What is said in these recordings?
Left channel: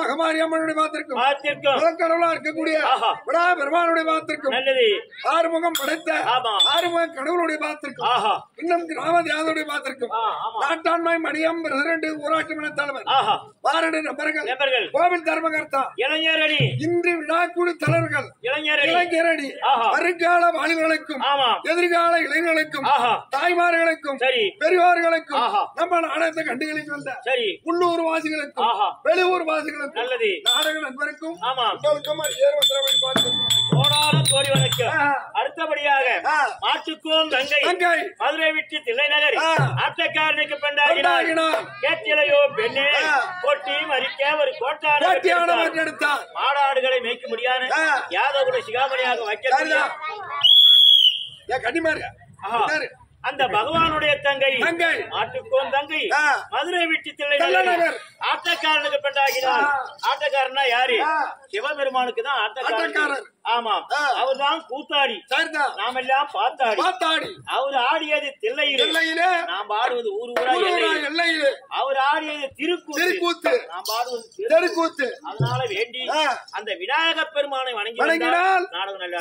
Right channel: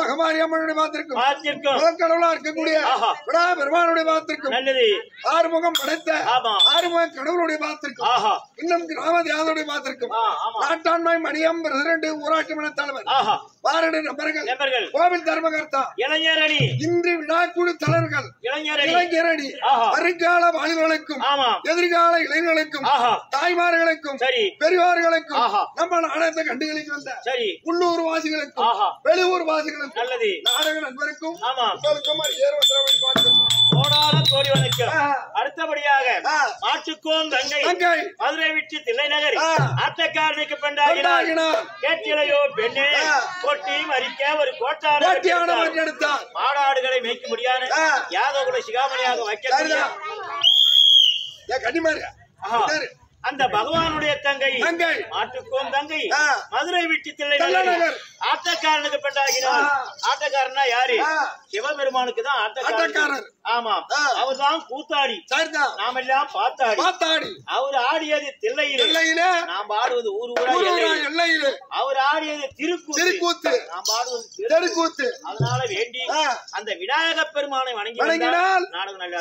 மகமாரியம்மனுடைய மாத்திருக்கும் கடவுளா இருக்கக்கூடிய விடா பெருமானுடைய மாத்திருக்கும் ஆறுமுகம் படைத்த ஆறுமுகம் கடவுளுடைய மாத்திருக்கும் இன்னும் கிராம தியானுடைய மாத்திருக்கும் நாட்டாண்மை மணியம் பிரசிடண்ட் ஊராட்சி மன்ற தலைவர் பாரடு நபர்கள் கோவில் தர்மகர்த்தா இளைஞரணி இன்று விழாக்குழு தலைவர்கள் இளைஞரணி வருங்கால வாலிபர்களுக்கும் எதிர்கால இளைஞர்களுக்கும் தாய்மார்களுக்கும் பெரியோர்களுக்கும் நம்ம நாடகத்தை கண்டுகளிக்கு வந்த உள்ளூர் வாசிகளுக்கும் வெளியூர் வாசிகளுக்கும் நாடக நண்பருக்கும் அடுத்தபடியாக மாட்டுக்கோம் தங்கை மதுரை விட்டு தில்லை நகர் ஆட்டக்காரனுக்கு பெண்டாகினார் கேட்டிலையோ பெண்ணே கொட்டி மறிக்க ஒரு கோட்டான மாடாடுகளை மேய்க்க முடியாது யாதவகுல சிகாமணியாக வைக்க அந்த பகவானுடைய தங்கை மாட்டுக்கோம் தங்கை மதுரை விட்டு தில்லை நகர் ஆட்டக்காரனுக்கு பெண்டாகினார். ஆட்டக்காரனா யாரு? சிவபெருமானுக்கு தான் ஆட்டக்காரர். ஆமாம், அவர் தான் கூத்தாடி. நாம எல்லாம் பாத்தாடி. அவர் ஆடியது தில்லையிலே, நாம் ஆடுவது ஊர் ஊரா எல்லையிலே. அவர் ஆடியது திருக்கூத்து, நாம் ஆடுவது தெருக்கூத்து. அதனால வேண்டி அந்த விநாயக பெருமானை வணங்கினால் நாடகம் நல்லா.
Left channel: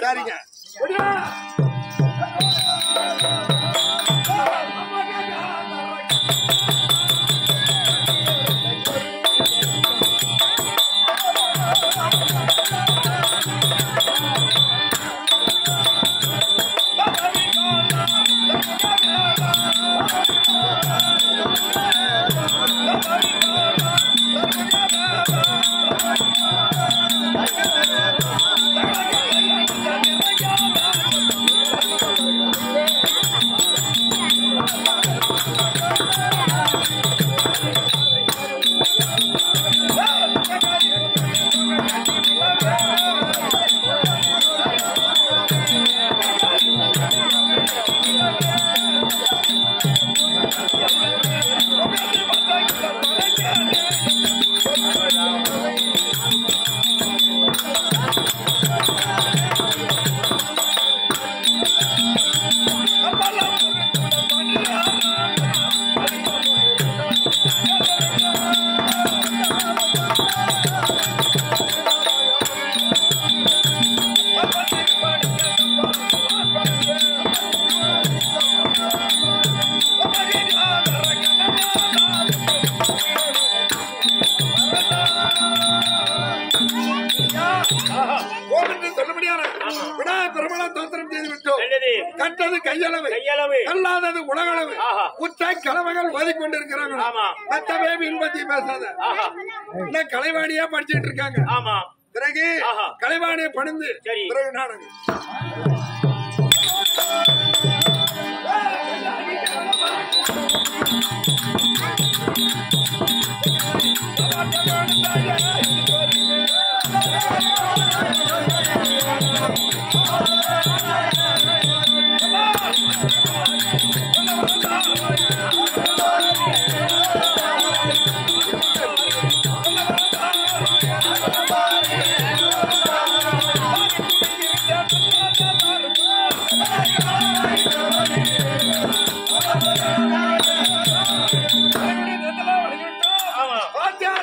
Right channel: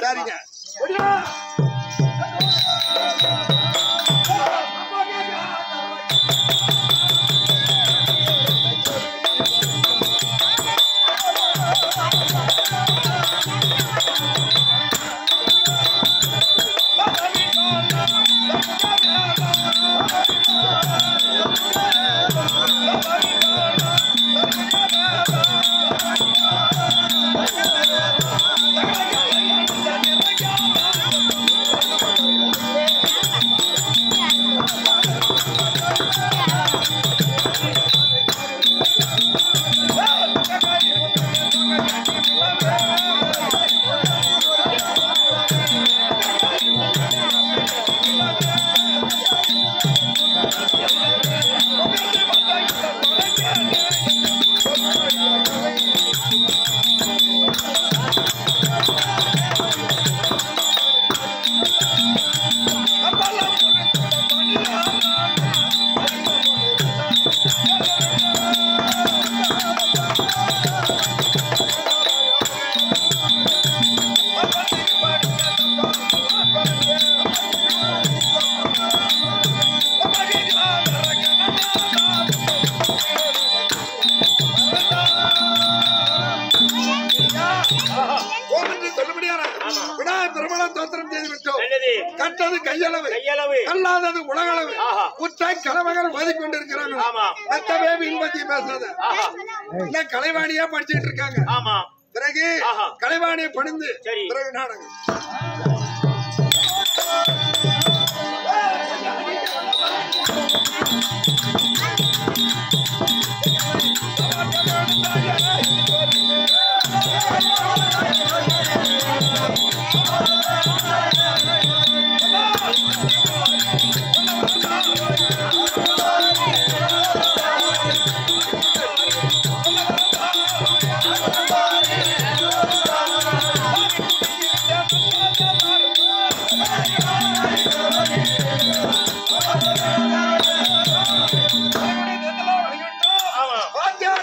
கட்டது கையளவு, கல்லாதது உலகளவு. குற்ற கலவகள் ஓதிக்கொண்டிருக்கிறாங்க. மத்தவே இன்பத்தி பேசாத கலைவாணியா படிச்சுட்டு இருக்காங்க. பிறகு கலைவாணியை பணிந்து பிறகு நாடகம்.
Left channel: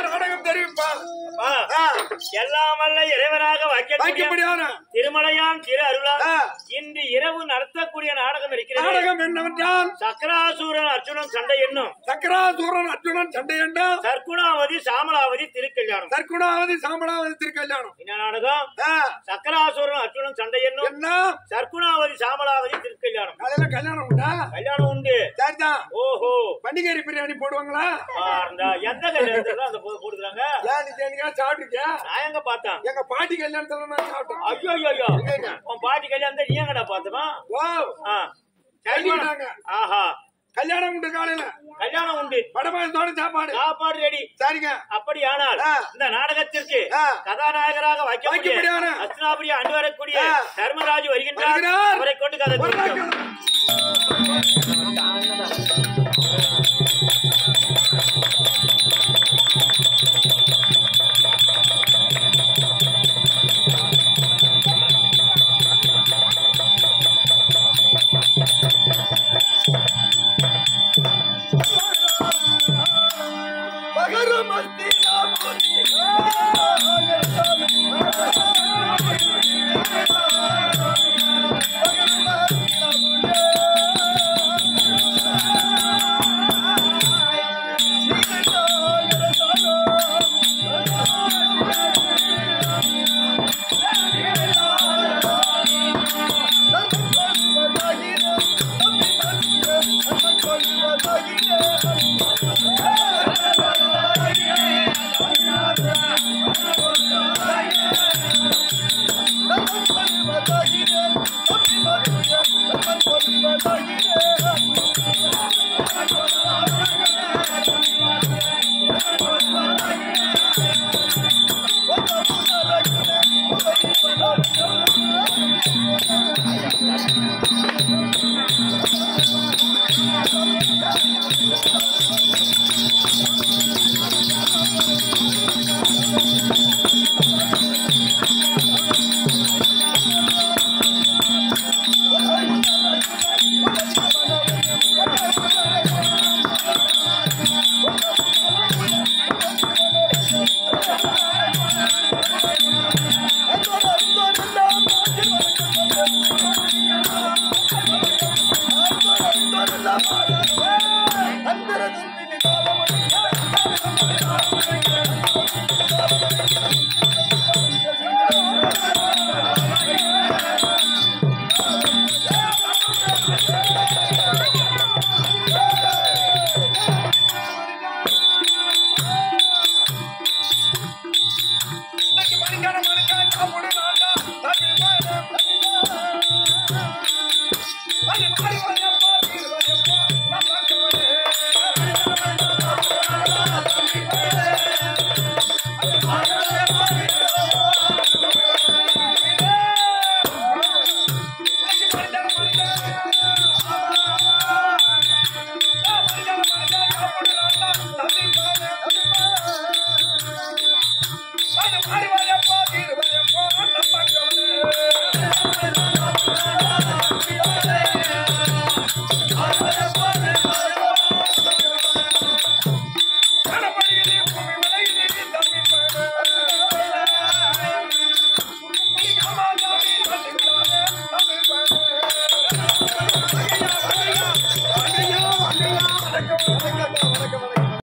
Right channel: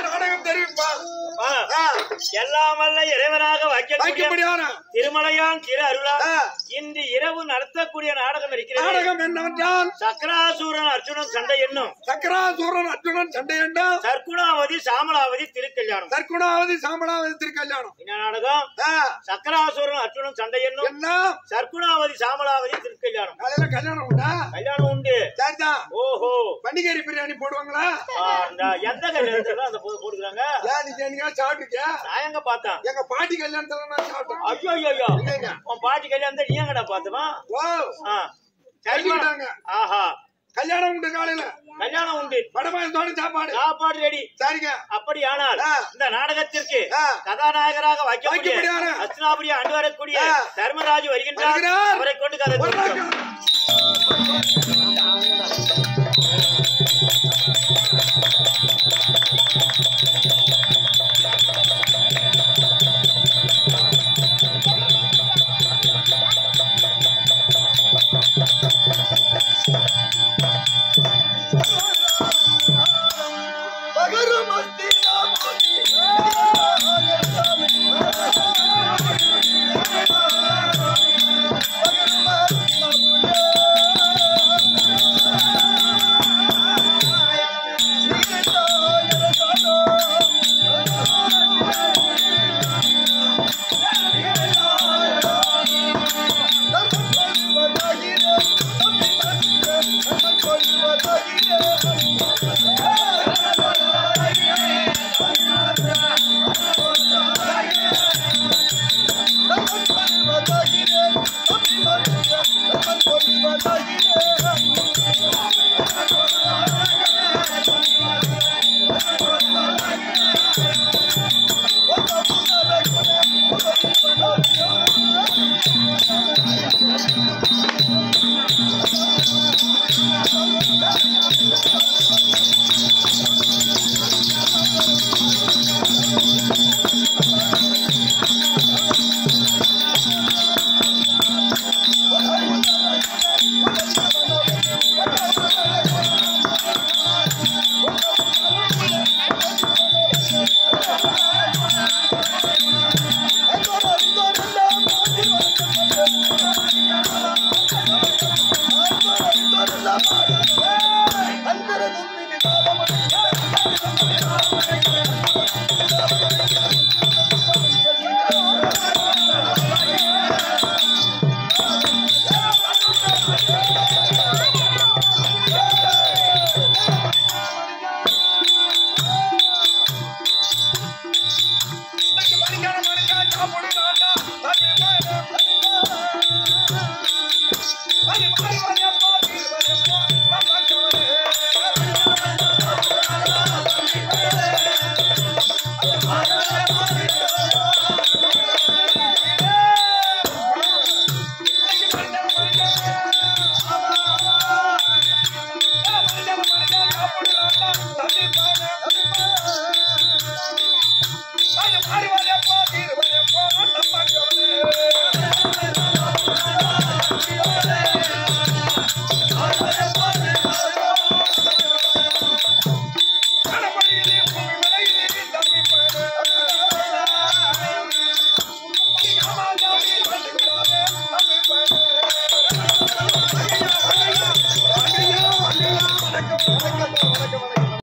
நாடகம் தெரிவிப்பார். எல்லாம் வல்ல இறைவனாக வைக்கக்கூடிய திருமலையான் திரு அருளா இன்று இரவு நடத்தக்கூடிய நாடகம் இருக்கிறது. நாடகம் என்னவென்றால் சக்கராசூரன் அர்ஜுனன் சண்டை என்னும் சக்கராசூரன் அர்ஜுனன் சண்டை என்னும் சர்க்குணாவதி சாமலாவதி திருக்கல்யாணம். சர்க்குணாவதி சாமலாவதி திருக்கல்யாணம். என்ன நாடகம்? சக்கராசூரன் அர்ஜுனன் சண்டை என்னும் என்ன சர்க்குணாவதி சாமலாவதி திருக்கல்யாணம். காலையில கல்யாணம் உண்டா? கல்யாணம் உண்டு. சரிதான். ஓஹோ, பண்டிகை பிரியாணி போடுவாங்களா? எந்த கல்யாணத்துல அந்த போடுறாங்க? சாப்பிட்டுருக்கியா? நான் எங்க பார்த்தேன்? எங்க பாட்டி கல்யாணத்துல நான் சாப்பிட்டேன். ஐயோ ஐயோ, உன் பாட்டி கல்யாணத்தை நீ எங்கடா பார்த்தமா? ஆஹா, கல்யாணம் உண்டு. காலையில கல்யாணம் உண்டு. படமாயத்தோட சாப்பாடு ரெடி. சரிங்க. அப்படியானால் இந்த நாடகத்திற்கு கதாநாயகராக வைக்கக்கூடிய அஸ்தினாபுரி ஆண்டு வரக்கூடிய தர்மராஜ் வருகின்றார். அவரை கொண்டு கதை பகரு மஸ்தி